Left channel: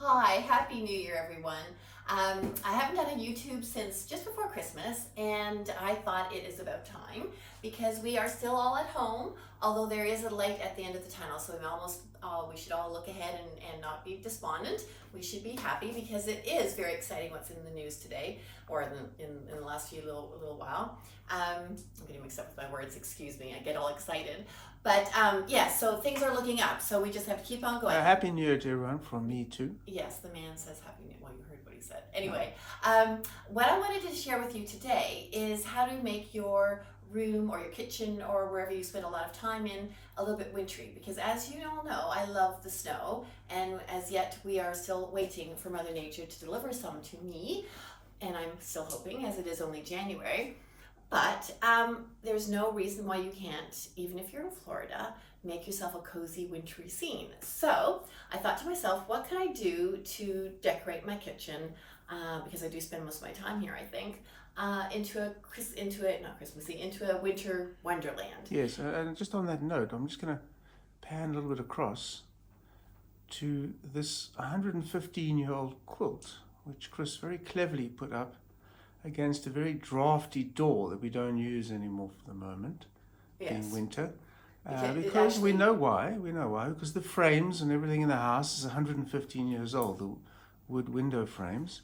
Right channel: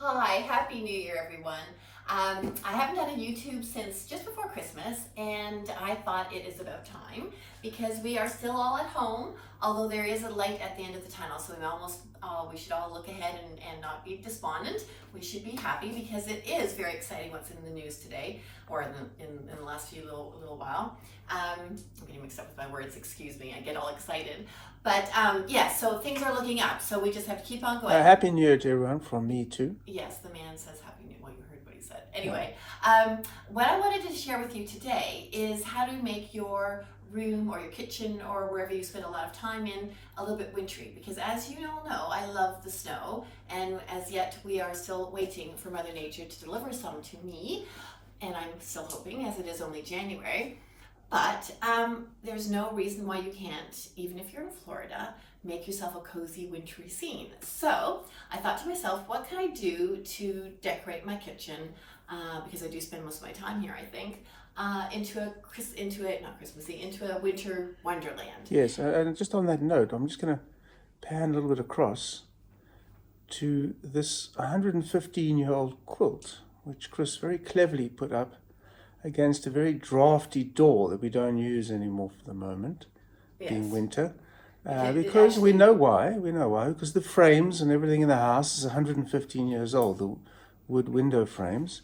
Hi, Happy New Year, everyone. I haven't done a YouTube since just before Christmas, and I thought it is about time because we are still all at home, although there is a light at the end of the tunnel, so we should all look ahead and not be despondent. We should be happy because it is very exciting what's in the news today, or in the last few little while. I'm getting mixed up with my words, excuse me, I get all excited. But yeah, so things are looking up, so we just have to keep on going. Happy New Year to everyone from me too. Yes, the man says Happy New Year. Well, you heard what he said. Anyway, what I wanted to share with you today is how to make your room or your kitchen or wherever you spend a lot of time in a little bit wintry, because as you all know, I love the snow, and as yet we are still waiting for Mother Nature to deliver some to me, and I'm still hoping, as it is only January. But there's no reason why you can't, even if you're in Florida, make yourself a cozy wintry scene. So I thought to myself, what can I do to decorate my kitchen, because I do spend most of my time here, I think, into a winter wonderland. Yes, and just on that note, I'm just going to pan a little bit across to this 115-year-old quilt, which Chris very cleverly put up against a very drafty door that we don't use anymore for the moment, Yes. being winter. Because we know why, because the frames and everything in the house is 115 years old, the wood window frames,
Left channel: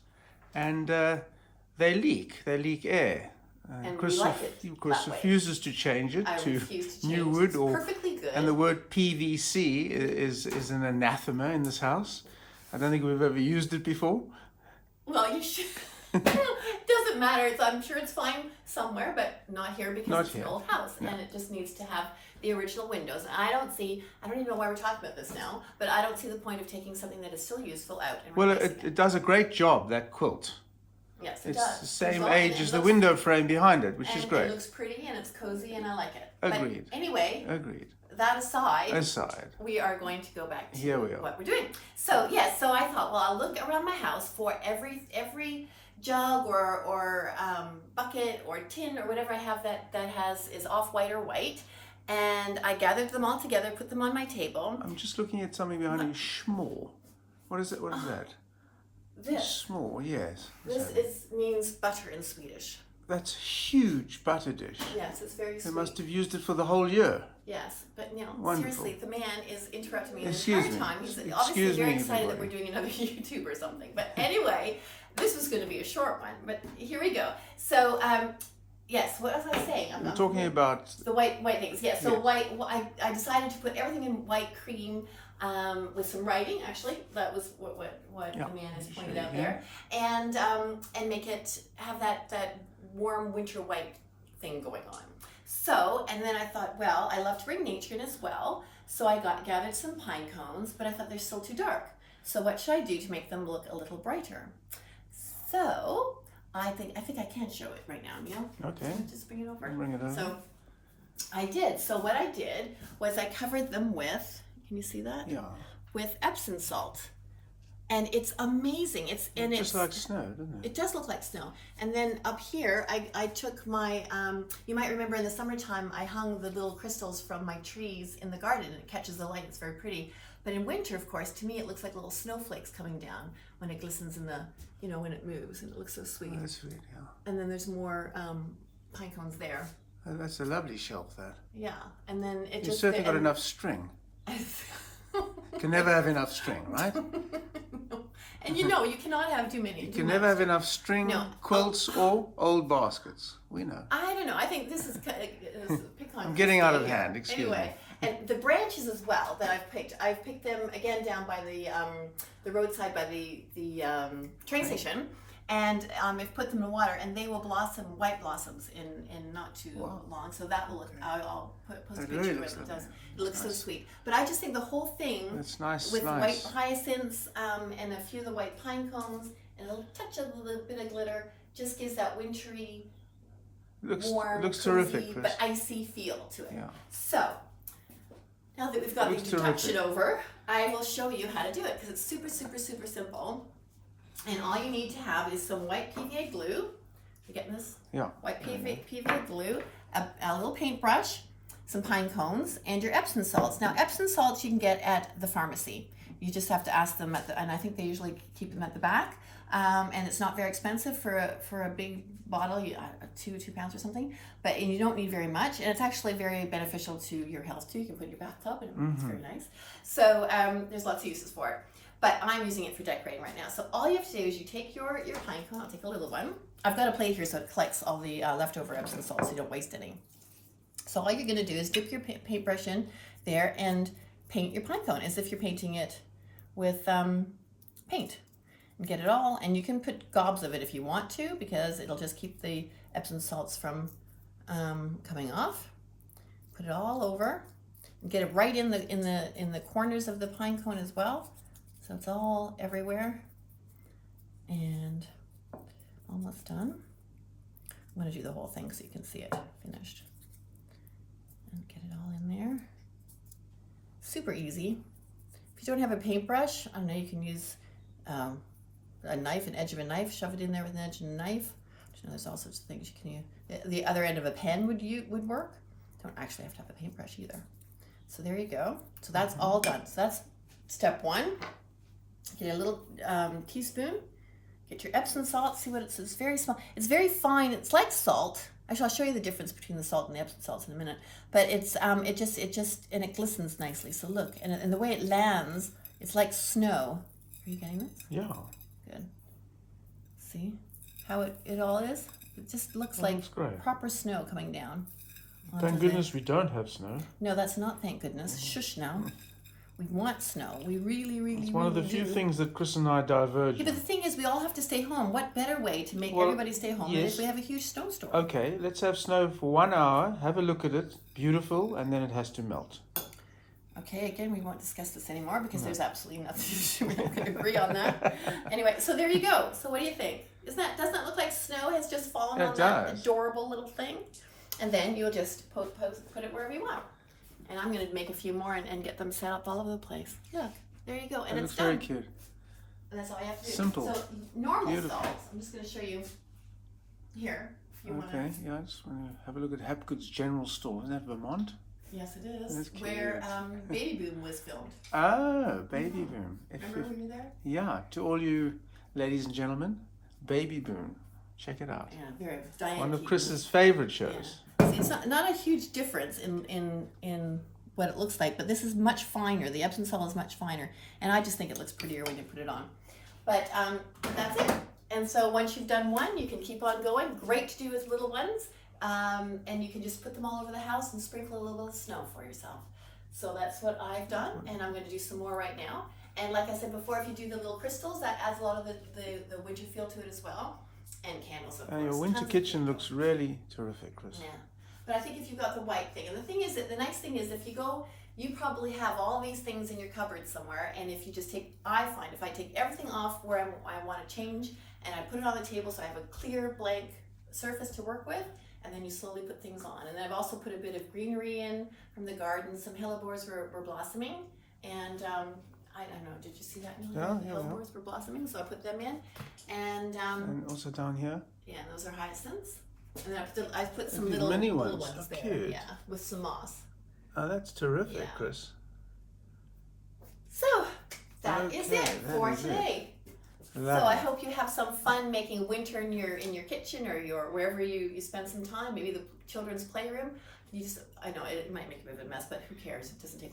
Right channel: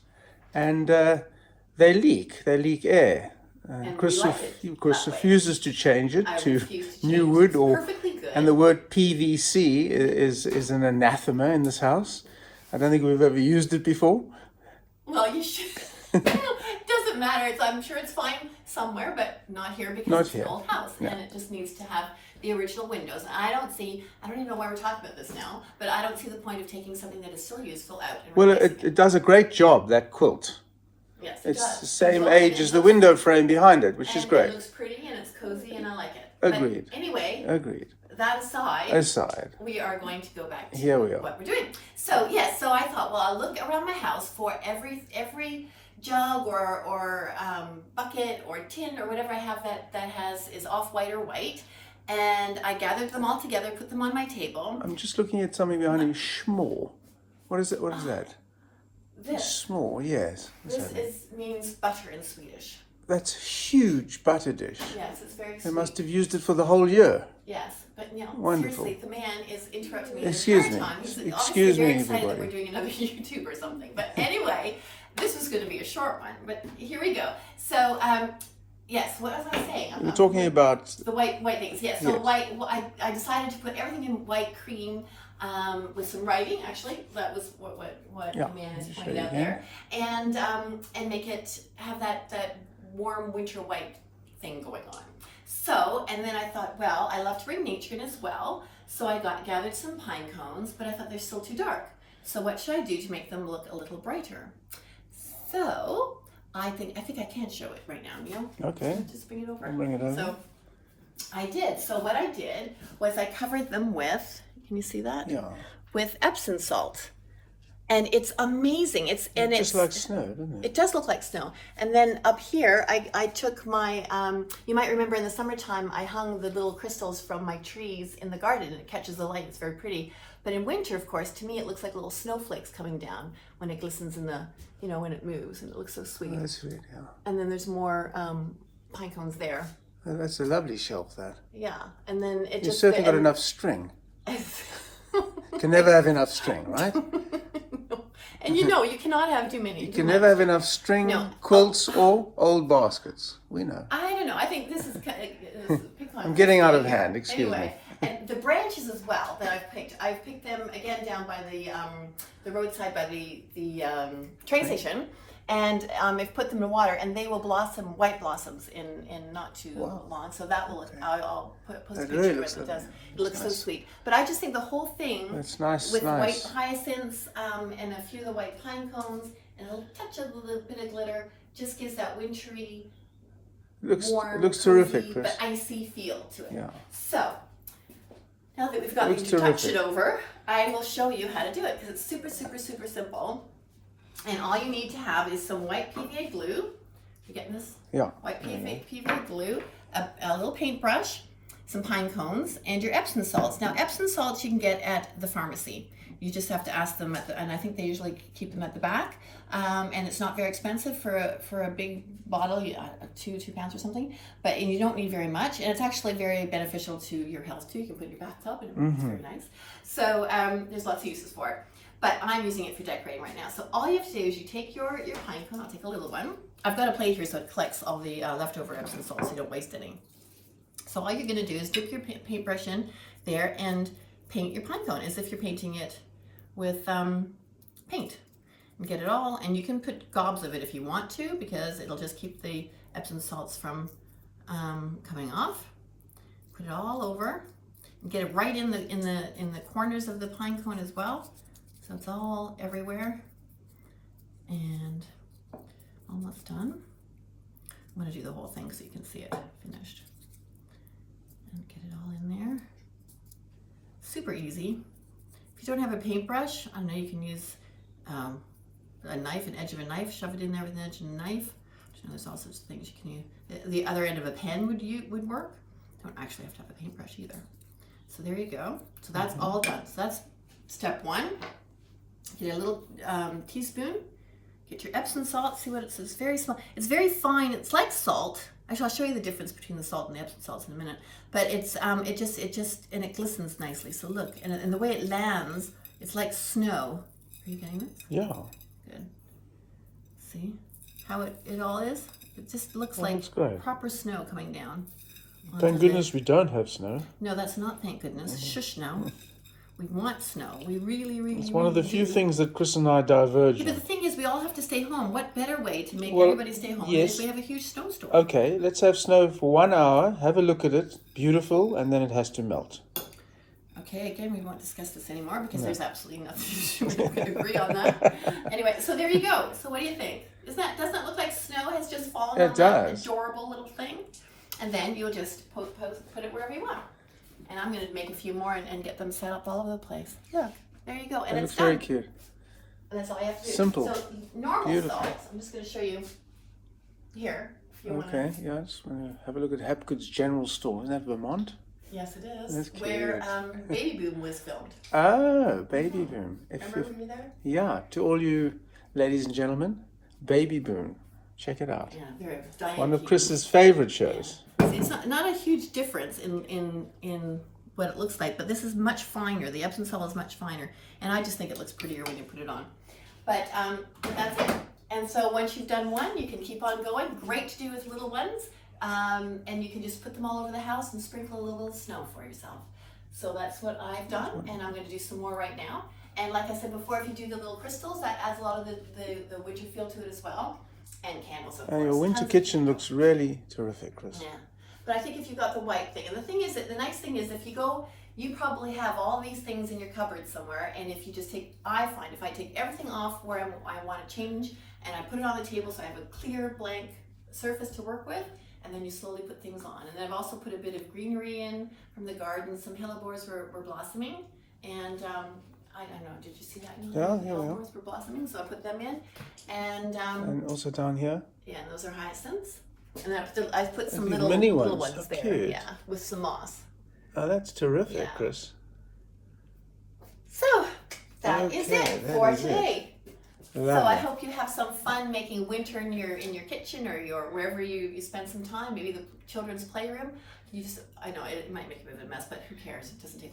and they leak air. And Chris Chris refuses to change it to new change wood, it. or Perfectly good. and the word PVC is an anathema in this house. I don't think we've ever used it before. Well, you should. It doesn't matter. I'm sure it's fine somewhere, but not here because it's an old house, and it just needs to have the original windows. I don't even know why we're talking about this now, but I don't see the point of taking something that is still useful out. And well, it does a great job, that quilt. Yes, it it's does. the same age as the window frame behind it, which is great. It looks pretty and it's cozy and I like it. Agreed. But anyway, Agreed. that aside, we are going to go back to Here we are. what we're doing. So yes, so I thought, well, I'll look around my house for every jug or bucket or tin or whatever I have that is off-white or white, and I gathered them all together, put them on my table. I'm just looking at something behind you. Schmore. What is it? What is that? This. Schmore, yes. Means butter in Swedish. That's a huge butter dish. Yes, it's very sweet. They must have used it for the whole year. Yes, but Wonderful. Seriously, the man is interrupting me Excuse the me. entire time. He's Excuse me, very excited everybody. that we're doing another YouTube or something. But anyway, this was going to be a short one, but here we go. So, yes, what was I saying? We're talking about the white things. Yes, so white. I decided to put everything in white cream with some writing. Actually, that was what the man is pointing out there, and make it have that warm winter white thing going on. So, and then I thought, well, I love to bring nature in as well. So I gathered some pine cones, but I thought they're still too dark. So what should I do to make them look a little brighter? So I think I can show it right now, Neil. Okay. Just bring it over. I'll bring it over. So I did. So what I did was I covered them with, can you see that? Yeah. With Epsom salt. And it's amazing. It's just like snow, doesn't it? It does look like snow. And then up here, I took my, you might remember in the summertime, I hung the little crystals from my trees in the garden, and it catches the light. It's very pretty. But in winter, of course, to me, it looks like little snowflakes coming down when it glistens in the, when it moves, and it looks so sweet. Oh, that's sweet, yeah. And then there's more pine cones there. Oh, that's a lovely shelf, that. Yeah, and then it You've just... certainly got enough string. Can never have enough string, right? And you cannot have too many. You can never have enough string, quilts, or old baskets. We know. I don't know. I think this is I'm getting out of hand. Excuse me. And the branches as well that I've picked them again down by the roadside by the train station, and I've put them in water, and they will blossom white blossoms in not too long. So that will I'll post a picture of it. It looks so sweet. But I just think the whole thing that's nice with white hyacinths and a few of the white pine cones and a touch of a little bit of glitter just gives that wintry, warm, looks cozy, terrific, Chris. but icy feel to it. Yeah. So now that we've got the introduction over, I will show you how to do it because it's super, super, super simple. And all you need to have is some white PVA glue. You getting this? Yeah. White PVA glue, a little paintbrush, some pine cones, and your Epsom salts. Now, Epsom salts you can get at the pharmacy. You just have to ask them and I think they usually keep them at the back. And it's not very expensive for a big bottle, 2 pounds or something. But and you don't need very much, and it's actually very beneficial to your health too. You can put it in your bathtub, and it's very nice. So there's lots of uses for it. But I'm using it for decorating right now. So all you have to do is you take your pine cone. I'll take a little one. I've got a plate here so it collects all the leftover Epsom salt so you don't waste any. So all you're going to do is dip your paintbrush in there and paint your pine cone as if you're painting it with paint. And get it all, and you can put gobs of it if you want to, because it'll just keep the Epsom salts from coming off. Put it all over and get it right in the corners of the pine cone as well. So it's all everywhere, and almost done. I'm going to do the whole thing so you can see it finished. And get it all in there. Super easy. If you don't have a paintbrush, I know you can use a knife, an edge of a knife, shove it in there with an edge of a knife. You know, there's all sorts of things you can use. The other end of a pen would work. Don't actually have to have a paintbrush either. So there you go. So that's all done. So that's step one. Get a little teaspoon. Get your Epsom salt. See what it says. It's very small. It's very fine. It's like salt. Actually, I'll show you the difference between the salt and the Epsom salts in a minute. But it's it just and it glistens nicely. So look, and the way it lands, it's like snow. Are you getting this? Yeah. Good. See how it all is? It just looks like proper snow coming down. Thank goodness we don't have snow. No, that's not thank goodness. Shush now. We want snow. We really, really, It's one of the few things that Chris and I diverge Yeah, on. but the thing is, we all have to stay home. What better way to make everybody stay home than if we have a huge snowstorm? Okay, let's have snow for 1 hour, have a look at it, beautiful, and then it has to melt. Okay, again, we won't discuss this anymore because there's absolutely nothing we can agree on that. Anyway, so there you go. So what do you think? Doesn't that look like snow has just fallen on that adorable little thing? And then you'll just put it wherever you want. And I'm going to make a few more and get them set up all over the place. Look, there you go. And it's done. Very cute. And that's all you have to do. Simple. So normal salts, I'm just going to show you here. If you Okay, yeah, I just want to have a look at Hapgood's General Store. Isn't that Vermont? Yes, it is. That's cute. Where Baby Boom was filmed. Oh, Baby Boom. Remember when you were there? Yeah, to all you ladies and gentlemen, Baby Boom. Check it out. Yeah, very Diane One of Keaton. Chris's favorite shows. Yeah. It's not a huge difference in what it looks like, but this is much finer. The Epsom salt is much finer, and I just think it looks prettier when you put it on. But that's it. And so once you've done one, you can keep on going. Great to do with little ones. And you can just put them all over the house and sprinkle a little bit of snow for yourself. So that's what I've done, and I'm going to do some more right now. And like I said before, if you do the little crystals, that adds a lot of the winter feel to it as well. And candles, of course. And your winter kitchen looks really terrific, Chris. Yeah. But I think if you've got the white thing, and the thing is that the nice thing is if you go, you probably have all these things in your cupboard somewhere, and if you just take, I find if I take everything off where I want to change, and I put it on the table so I have a clear blank surface to work with, and then you slowly put things on. And then I've also put a bit of greenery in from the garden. Some hellebores were blossoming, and I don't know, did you see that? Yeah, yeah, hellebores were blossoming, so I put them in. And also down here? yeah, those are hyacinths. And then I put some These little mini ones ones, there, cute. yeah, with some moss. Oh, that's terrific, Yeah. Chris. So that is Okay, it that for is it. today. Lovely. So I hope you have some fun making winter in your kitchen or wherever you spend some time. Maybe the children's playroom. I know it might make a bit of a mess, but who cares? It doesn't take long.